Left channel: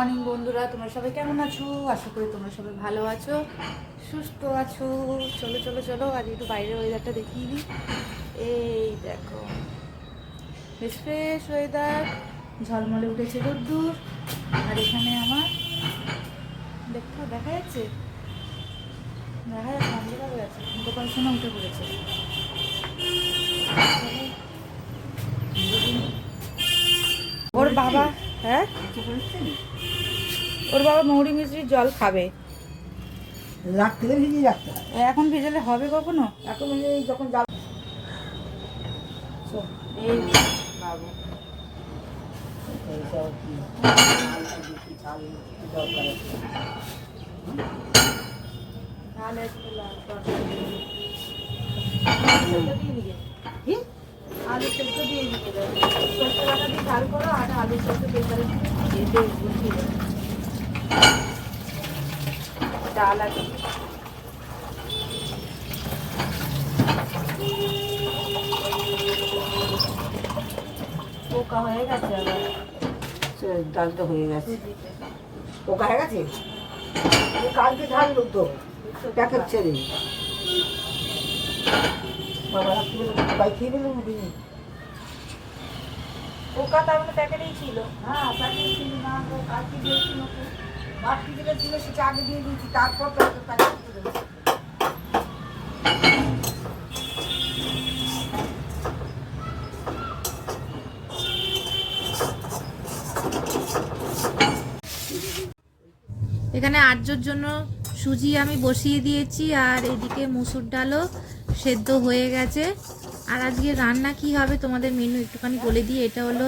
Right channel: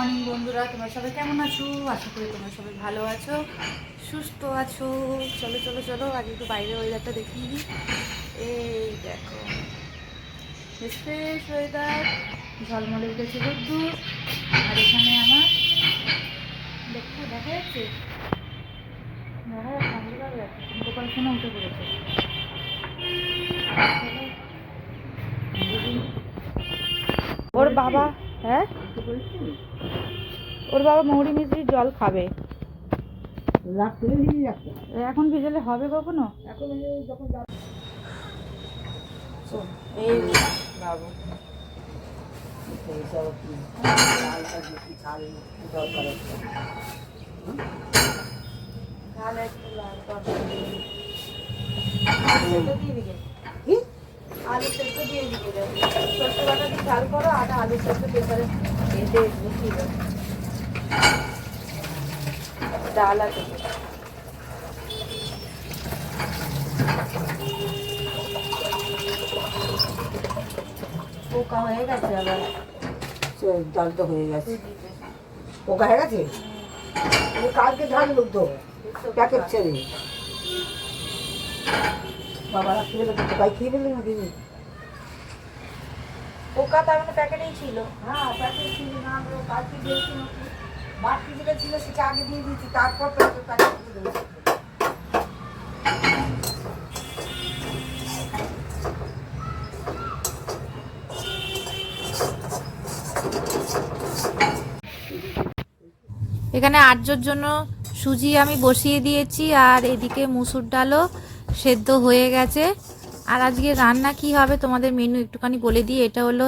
Morning বন্ধুরা, তোমরা সবাই কেমন আছো? আশা করি তোমরা সবাই ভালো আছো, সুস্থ আছো। চলো চলো চলো, আজ একটু বাইরের ওয়েদারটা দেখিয়ে দিই। এই দেখো, বেশ ফ্রেশ ওয়েদার, ঝলমলে উঠেছে রোদ্দুর। আর এখানে আমার দেখা যাচ্ছে, অন্ধকার হয়ে আছে। গোপাল সোনা উঠে পড়েছে। ওর বাবা, হ্যাঁ ওর বাবা মৌরি মিশ্রির জল খাবে। রাখতে হবে, ভিজিয়ে রাখতে হবে। এখন ভেজালে হবে কখনো? এখন এই যখন যাবে এই বাবু, এইসব কি ছাল দরকার আছে। তাহলে একটু লাল তরকারি দিয়ে দিকে, কি আলু সেদ্ধ দিয়ে দিতে দেবে। সরষে বাটা দিয়ে ঝাল করো, আর আলু সেদ্ধ প্রেসারে দিয়ে বসিয়ে দেবে। ডাল আছে, পোকা হয়ে গেছে আবার। ডালটা হয়ে গেছে, পোকা হয়ে গেছে। কালকে ঢাললো তো প্যাকেট ছেড়ে, বাবা খেয়ে ফেলো, সবাই খেয়ে ফেলো নাকি? পোকা তার মানে প্যাকেটেই ছিল। হ্যাঁ প্যাকেট ছিল না, আমরা কালকে দিয়েছি নাকি বাড়তি যেটা ছিল সেটা আগে দিয়ে দিয়েছি, তারপর প্যাকেট ছিল। এখানে আর্যর জন্য সুজি আমি বসিয়ে দিয়েছি, আর এদিকে মুসুর ডালও সেদ্ধ হয়ে গেছে। আর আজকে রান্না কি হবে তোমাদের মেনু একটুখানি বলে দিই। এটা হলো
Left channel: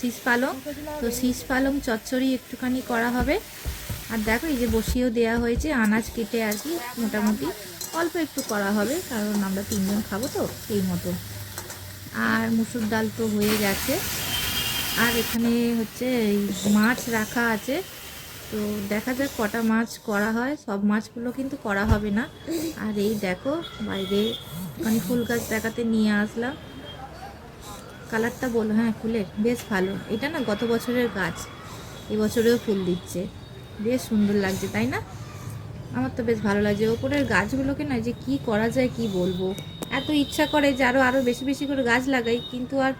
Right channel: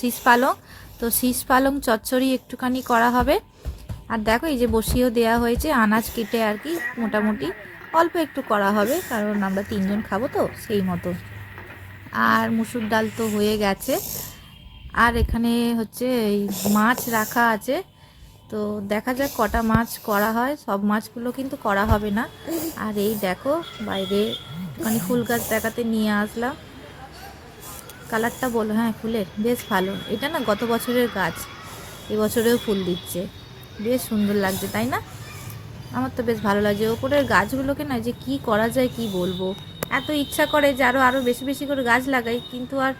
শীষ পালং, তো শীষ পালং চচ্চড়ি একটুখানি করা হবে। আর দেখো, এই যে বসিয়েও দেওয়া হয়েছে আনাজ কেটে আর কি, মোটামুটি অল্প একটু করা হবে, কারণ আমরা 3 জন খাবো তো সেই মতো। আর মুসুর ডাল তো হয়ে গেছে। আর এখানে হচ্ছে এই মাছ রাখা আছে, তো দেখা যাক কটা মাছ করা হয়। সব মাছগুলো কিন্তু করা হবে না। আর এই দেখো, বাইরে মানে ফুল গাছ দেখাতে নিয়ে আসলাম। কালারটা বলো, হ্যাঁ ফুলের বেশ ভালো। এটা না গত বছরের গাছ, এবছরেও ফুল দিচ্ছে, বেশ সুন্দর লাগছে তাই না? আমার তো বেশ ভালো লাগছে। ওপরের গাছগুলোকে না যে কি করা যায় কি বলবো, এত ইচ্ছা করে যে আরও বেশি বেশি করে গাছ লাগাই, কিন্তু আর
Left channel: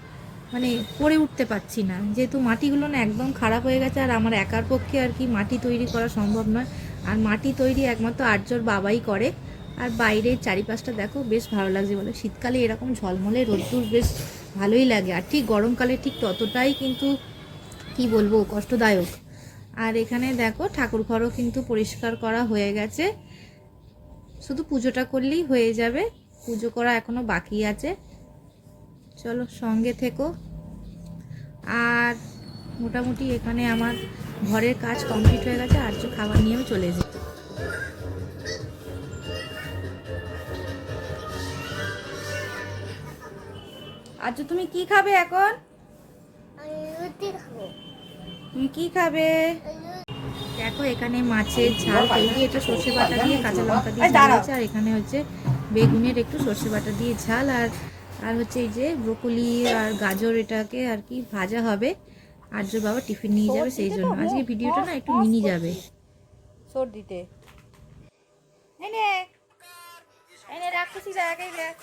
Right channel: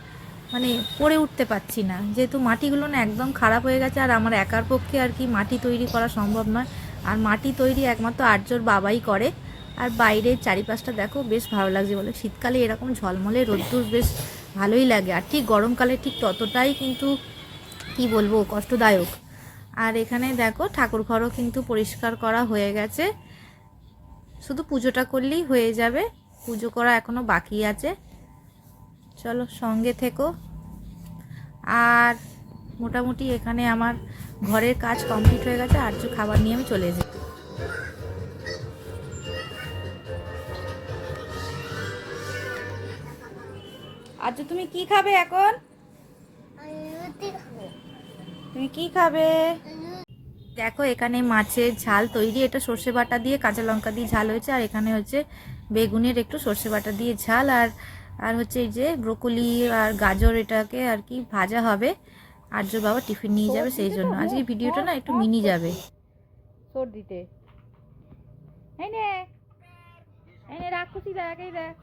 মানে করে উঠতে পারছি না, যেহেতু মাটিগুলো না একদম খারাপ হয়ে গেছে। আর আমার একার পক্ষে আর কি মাটি তৈরি করা সম্ভব নয়। আর মাটি তৈরি একমাত্র আর্যর বাবাই করে। আর বাইরের চারিপাশটা দেখো, বেশ ভালো লাগছে বলে। শীতকালে এরকম ঝলমলে রোদ্দুর বেশ ভালোই লাগে, আর ঠিক গরমকালে ঠিক ততটাই কিন্তু কি বলবো কষ্টদায়ক। আর এখানে দেখো ঠাকুর ঘরও কিন্তু পরিষ্কার করা হয়ে গেছে, শুধু পুজোটা করলেই হয়ে যাবে। পুজো করা এখনো বাকি আছে, চলো সঙ্গে থেকো। আর মোটামুটি এখানে আমার ঘরের কাজ কমপ্লিট হয়ে গেছে, আর যে খাবার নিয়ে আমি চলে যাই। আজ তুমি কি খাবে এখন? তুমি কি খাবে? দেখো এখানে মাছের ঝাল তৈরি, এটা সর্ষে বাটা দিয়ে কাঁচা লঙ্কা দিয়ে ঝাল হয়েছে। আর এখানে হচ্ছে বেগুনের একটু সর্ষে বাটা দিয়ে ঝাল, আর আর হচ্ছে এই যে ব্রোকলি আর গাজর, এটাকে আর কি ভাজা হবে। আর্যর বাবা টিফিন নিয়ে যাবে, সেই জন্য আজকে ভিডিওটা না একটু মিনি যাবে। সর্দিতে এনে এনে রাক্ষসী জায়গায় দেখ।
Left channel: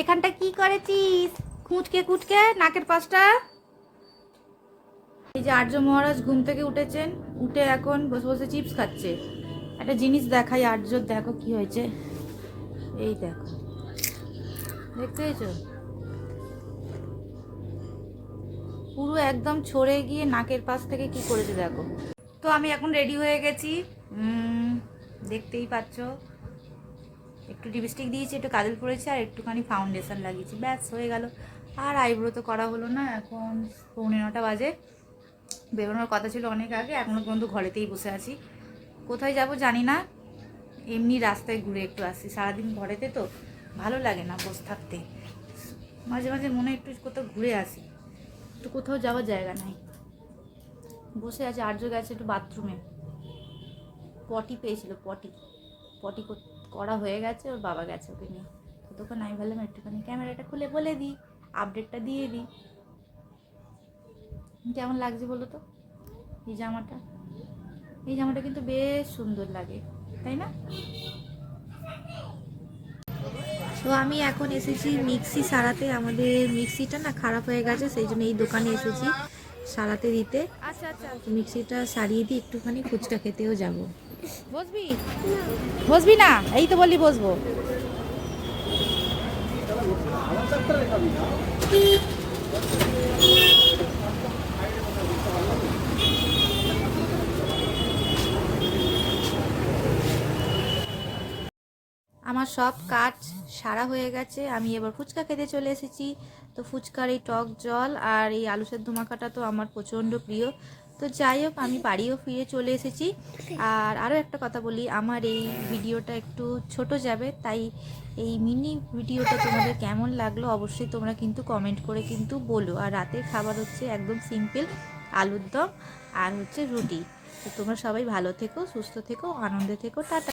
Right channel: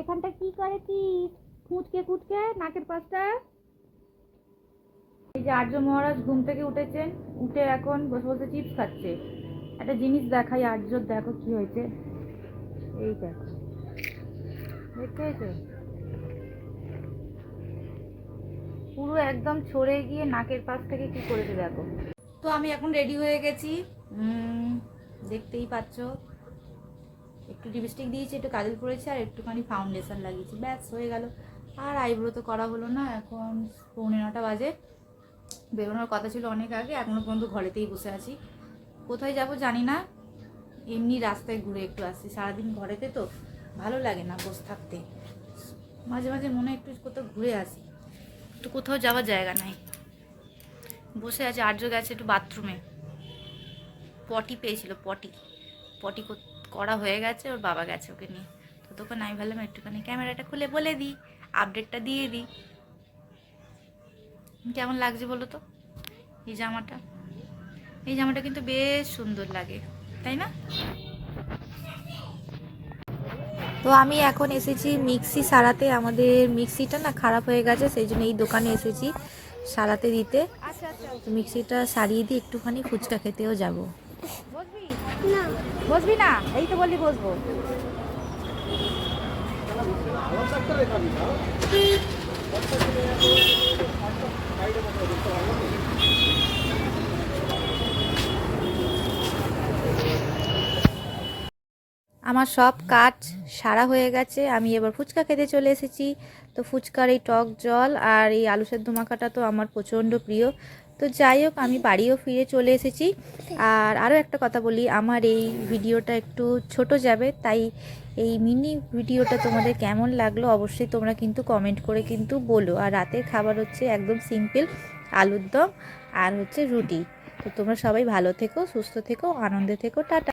এখানটা কি করেছিস? খুঁটকে খুঁটকে নাকের পাশটা। এই যে আর্য মহারাজ ঘুম থেকে উঠেছেন, উঠে এখন বসে বসে চিপস খাচ্ছে। একটা জিনিস দেখাই আর্যর, দেখো কি হয়েছে। এই দেখো, দেখতে পেয়েছো? পুরো একদম ছড়ে গিয়ে নাকের পাশ থেকে কি করেছে দেখো। তো আমি এখন রেডি হয়ে গেছি, দেখতেই পাচ্ছ। একটু লিপস্টিক দিয়েছি, একটু কাজল পরেছি, আর একটুখানি ফাউন্ডেশন লাগিয়েছি, ব্যাস হয়ে গেল। আর আইব্রো তো করা হলো না, এখন 9:45 বাজে। বেরোনোর কথা ছিল অনেক আগে, এখনও পর্যন্ত ঘরেতেই বসে আছি। কোথায় যাব জানি না, এমনি রাস্তায় ঘুরে একটু আসছি। সারাদিন ঘরেতে তো ভালো লাগে না বসে থাকতে, মাঝে মাঝে মনে একটু কোথাও ঘুরে আসি, একটু কোথাও যাওয়ার জায়গা নাই, বসে আছে। আর্য গেছে একটু বাথরুমে, পটি পেয়েছিল, পটি পটি করা হয়ে গেছে, ওর বাবা গেছে ওকে নিয়ে। ততক্ষণ আমি ভাবলাম একটুখানি ক্যামেরাটা খুলে বলে দিই আপডেটটা দিয়ে দিই। কেমন লাগছে বলো তো এই জামাটা? এই জামাটা কিন্তু বেশ সুন্দর লাগে, তাই না? তো আমি এখন এসেছি মিক্সি সারাতে। আমাদের মিক্সিটা না খারাপ হয়ে গেছে, সেই জন্য এই দোকানে এসেছি সারাতে দিতে। তো মিক্সিটা সারিয়ে দিয়ে একটুখানি ফুচকা খেতেও যাব। বসবি? বসবি না? এই তো বললি বসবো। আমার সব কাজ সারা হয়ে গেছে, আমি এবার ফুচকা খেতে চলে এসেছি। তো ফুচকার এই টক জল আর এই আলু সেদ্ধ মাখাটা তো আমার প্রচণ্ড প্রিয়। তো যাই হোক, আমি বাড়িও ফিরে চলে এসেছি। আর আরও একটা কথা বলি, আমার এই ভিডিওটা একটু ছোট যাবে, তাই এই মিনি ভিডিওটা তোমাদের কেমন লাগলো অবশ্যই তোমরা কিন্তু কমেন্ট করে কিন্তু বলো। আর রাতের খাবার হচ্ছে একদম সিম্পল, আলুর দম আর হচ্ছে রুটি। তো তোমরা সবাই ভালো থেকো, সুস্থ থেকো, আনন্দে থেকো, টাটা।